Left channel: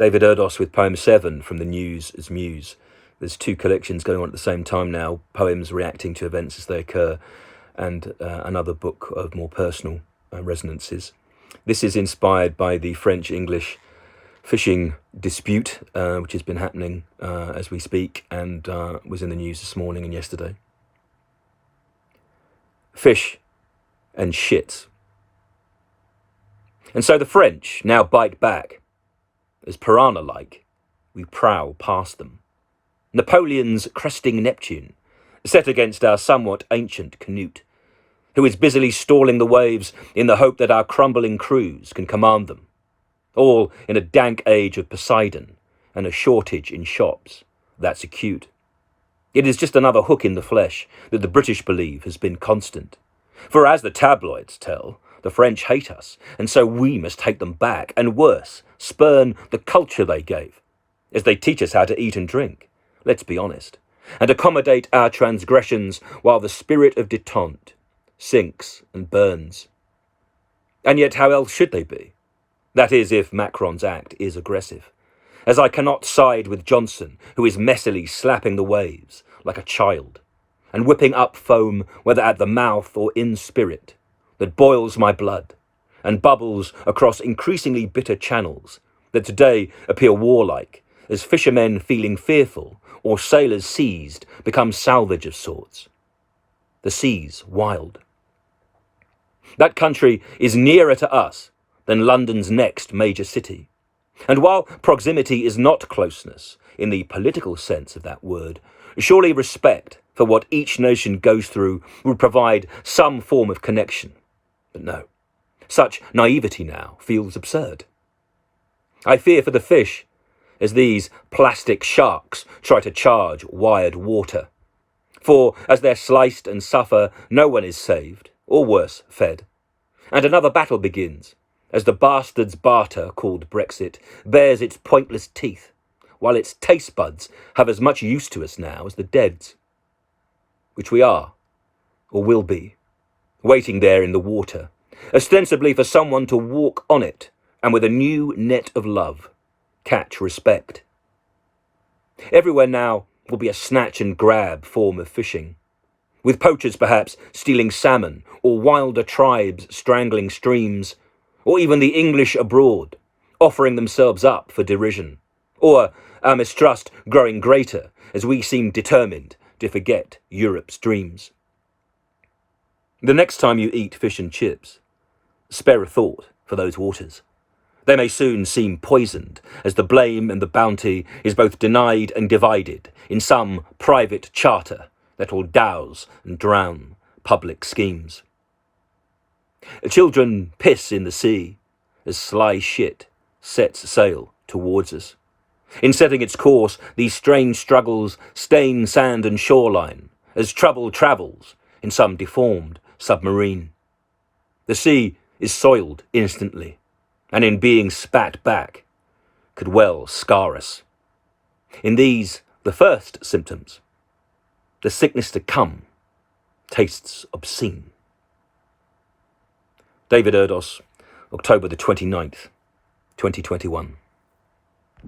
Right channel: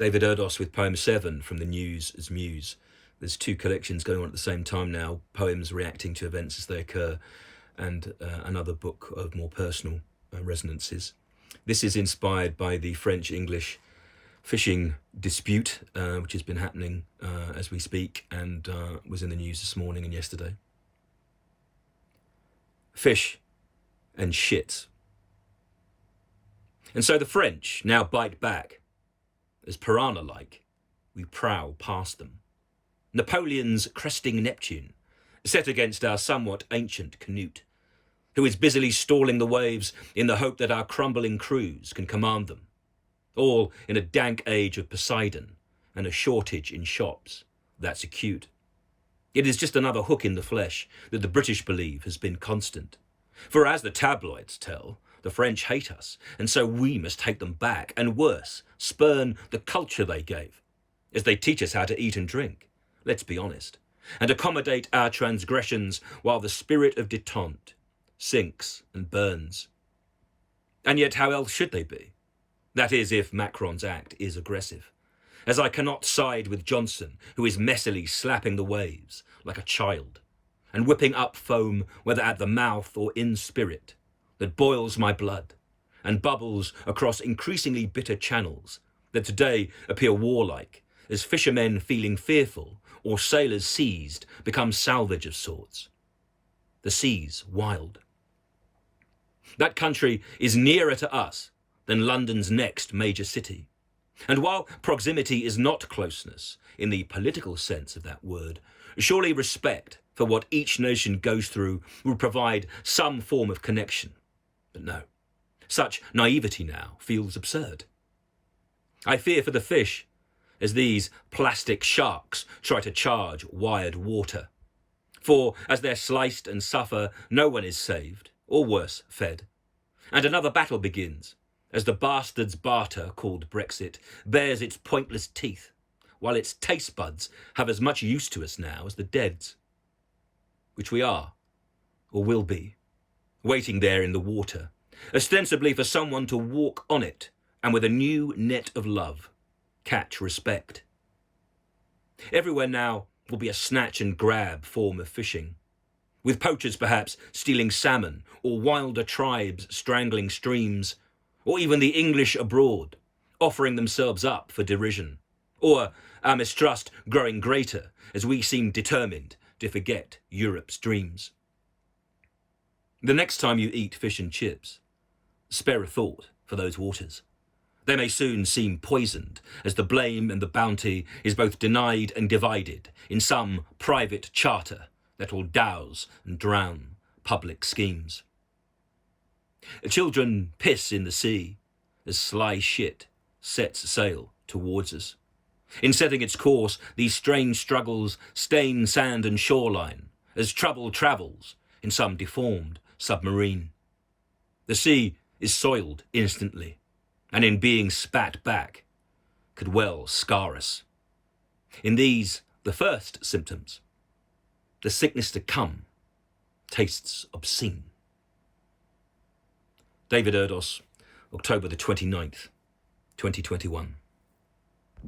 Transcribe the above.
David Erdos with poem 7 from the AS MUSE. There's two collections going on at the same time now, poems reacting to events as they occur, and another book of more personal resonances. This is inspired by the French-English fishing dispute, which has been happening as we speak, and was in the news this morning and yesterday. Fish and shits. And so the French now bite back. As piranha-like, we prowl past them. Napoleon's cresting Neptune, set against our somewhat ancient Canute, who is busily stalling the waves in the hope that our crumbling crews can command them, all in a dank age of Poseidon and a shortage in shops. That's acute. It is just another hook in the flesh that the British believe has been constant. For as the tabloids tell, the French hate us, and so we must hate them back, and worse, spurn the culture they gave, as they teach us how to eat and drink, let's be honest, and accommodate our transgressions while the spirit of detente sinks and burns. And yet how else should they be? That is, if Macron's act is aggressive, as I cannot side with Johnson, who is messily slapping the waves like a child, and whipping up foam, whether at the mouth or in spirit, that boils my blood and bubbles across increasingly bitter channels that today appear warlike, as fishermen feeling fearful or sailors seized become salvage of sorts. The seas wild. That country is nearer to us than London's next major city. And while proximity is not closeness in the political sense of that word, surely respect for what each nation goes through would provide some form of connection. But no, such naivety now feels absurd. I fear for the fish as these plastic sharks try to charge wired water. For as they're sliced and suffer, no one is saved, or worse, fed. And another battle begins, as the bastard's barter called Brexit bares its pointless teeth, while its taste buds have as much use to us now as the dead's, which we are, or will be, waiting there in the water, ostensibly for someone to walk on it and with a new net of love catch respect. Everywhere now will be a snatch and grab form of fishing, with poachers perhaps stealing salmon, or wilder tribes strangling streams, or even the English abroad offering themselves up for derision, or our mistrust growing greater as we seem determined to forget Europe's dreams. The next time you eat fish and chips, spare a thought for those waters. They may soon seem poisoned, as the blame and the bounty is both denied and divided in some private charter that will douse and drown public schemes. Children piss in the sea as sly shit sets sail towards us. In setting its course, these strange struggles stain sand and shoreline as trouble travels in some deformed submarine. The sea is soiled instantly, and in being spat back, could well scar us. In these, the first symptoms, the sickness to come tastes obscene. David Erdos, October the 29th, 2021.